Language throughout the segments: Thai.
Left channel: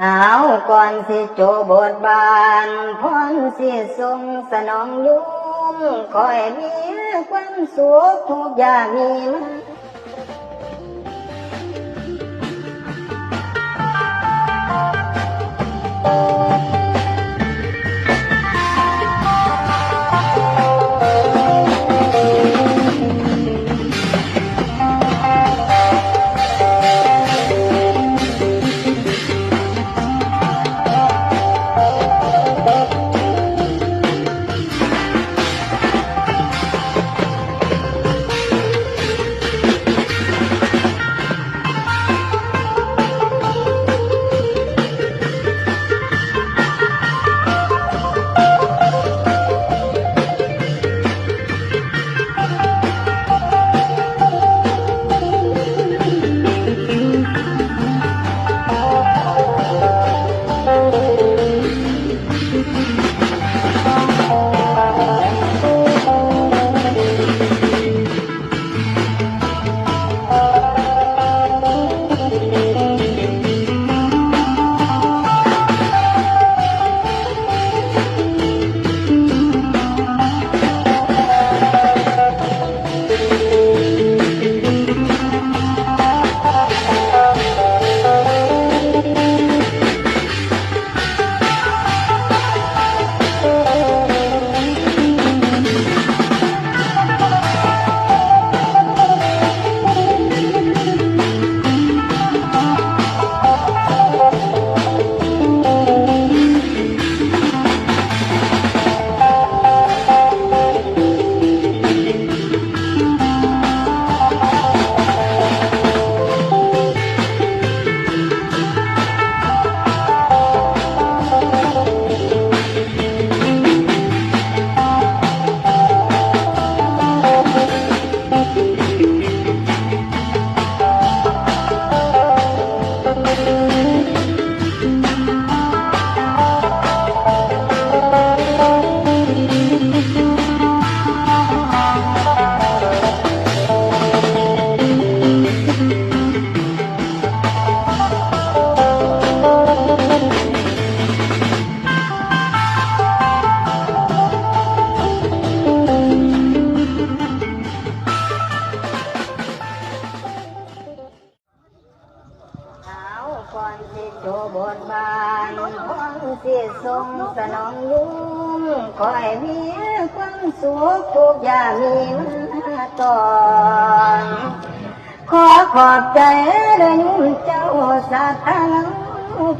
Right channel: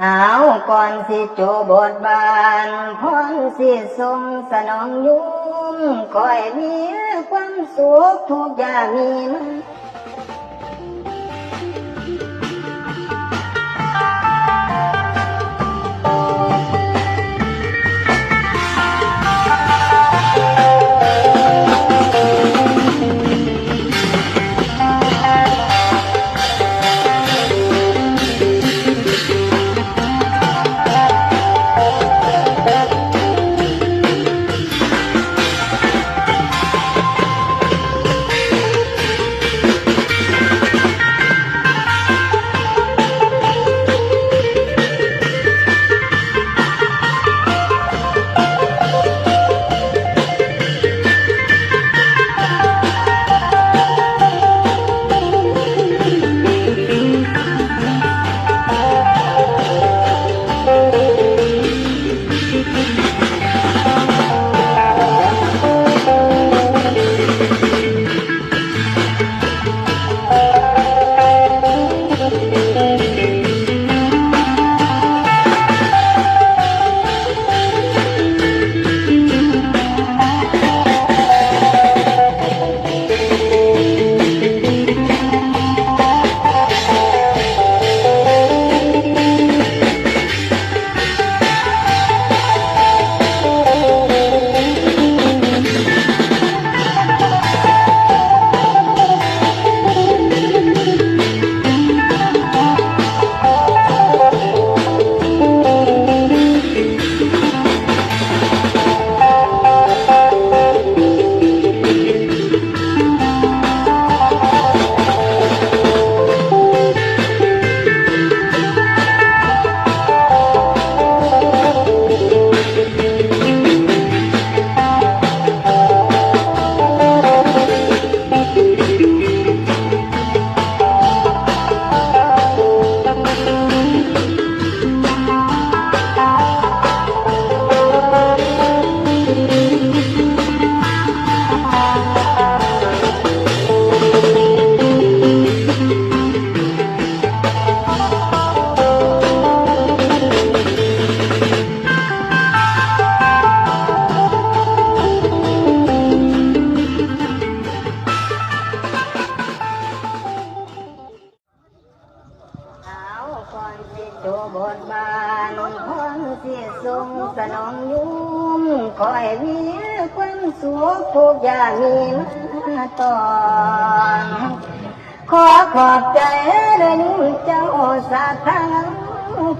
เอาก่อนสิโจบทบานพร้อมสิทรงสนองยุ่มคอยมีความสุขทุกอย่างมีมาก่อนสิโจบทบานพร้อมสิทรงสนองยุ่มคอยมีความสุขทุกอย่างมีมาต่อขอขอบใจเรื่องเจ้าสาธารณ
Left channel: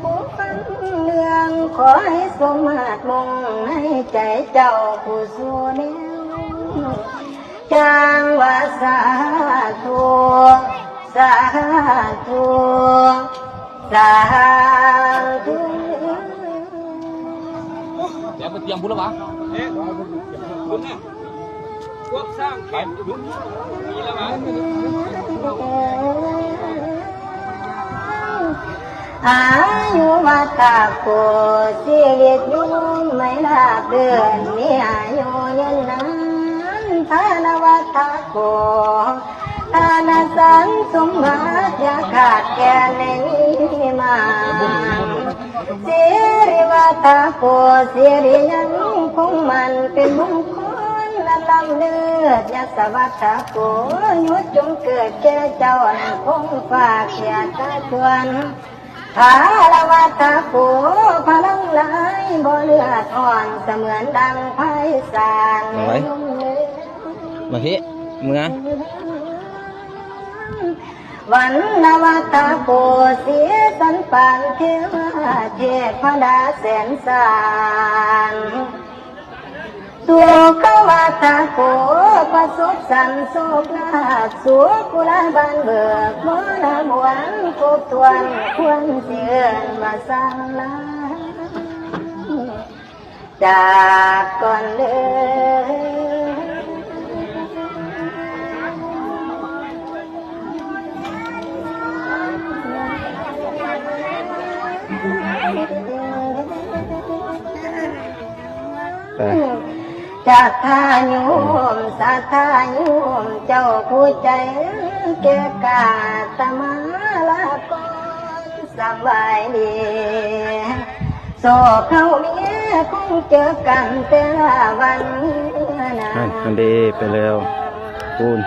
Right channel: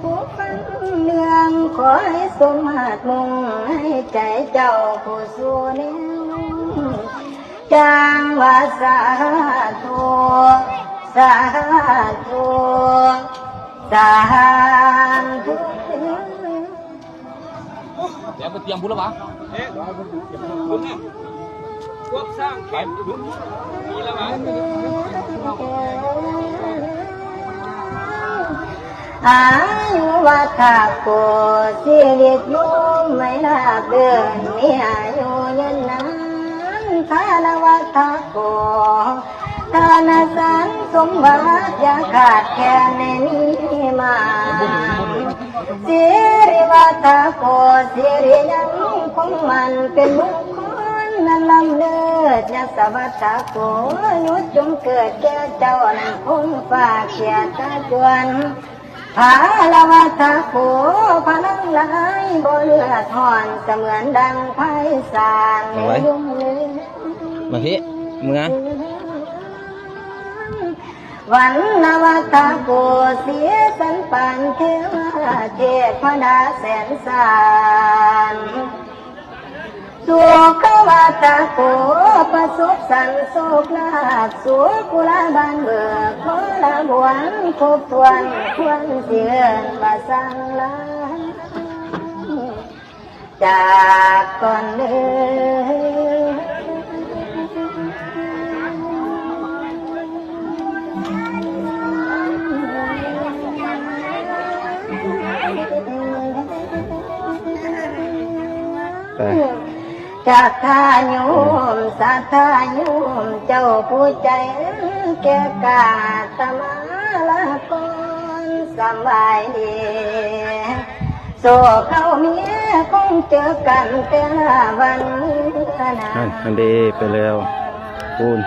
ผู้ฟังเนืองขอให้สมมาตรมุ่งให้ใจเจ้าผู้สู้จางว่าสาธุสาธุสาธุเดี๋ยวไปเตรียมพุทธวะคุณเนี่ยพวกสร้างแขนคุณมีแล้วมั้งอายุวัฏโกชีวิตยุ่งไม่น่าเกินมีอายุยืนนานทานวัฏโกทานสันสมบัติจะขาดแคลนไม่มีมาสิริวัฏโกสิริยังคงมันเป็นมงคลนั้นลำเลิศยศวัฏโกนุชจงเกิดเจอเจ้าคงฝากแขนตะจวนอาละวัฏโกพลังหลายบ่เลือดถอนเสมือนดังไพศาลยุ่งเลยมาพี่มึงนะวันละวัฏโกสีสันปานเทวาเทพดาแสนสารสุขวัฏโกประสบสันโศกนาสุกุลาบังเบิกโคลาหวนครบถ้วนควรเชื่อบาสังนาจากก่อนเมื่จากทายุมสัทธายุมเจ้าผู้ใจเกกาตมาลากรสบายดี โศกเขาเนี้ยคงเจอกันแต่ละวัน นั่นดีไปแล้วปูน